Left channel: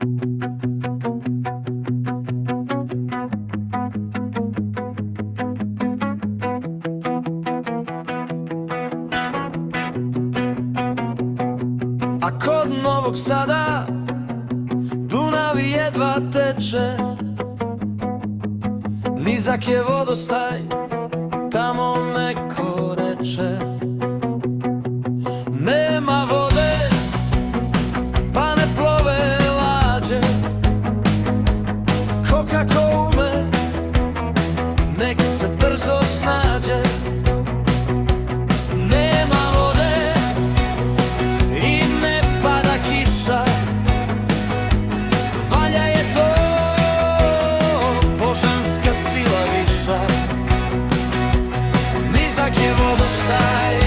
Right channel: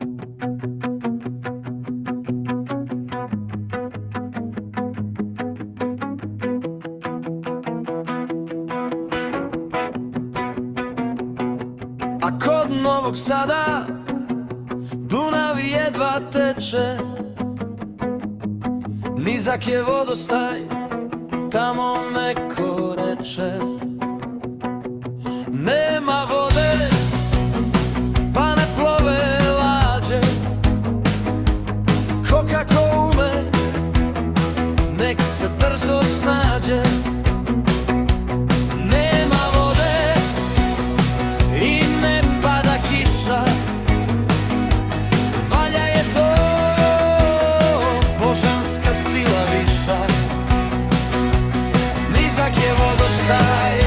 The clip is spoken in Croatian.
A kod Novog Sada Dunav jedva teče, nizak je vodostaj, tamo neko reče. Nema vode, pa ne plove lađe, ko kako ume, nek se brzo snađe. Nema vode i ne pada kiša, valja je to božanska sila viša. Nizak je vodostaj,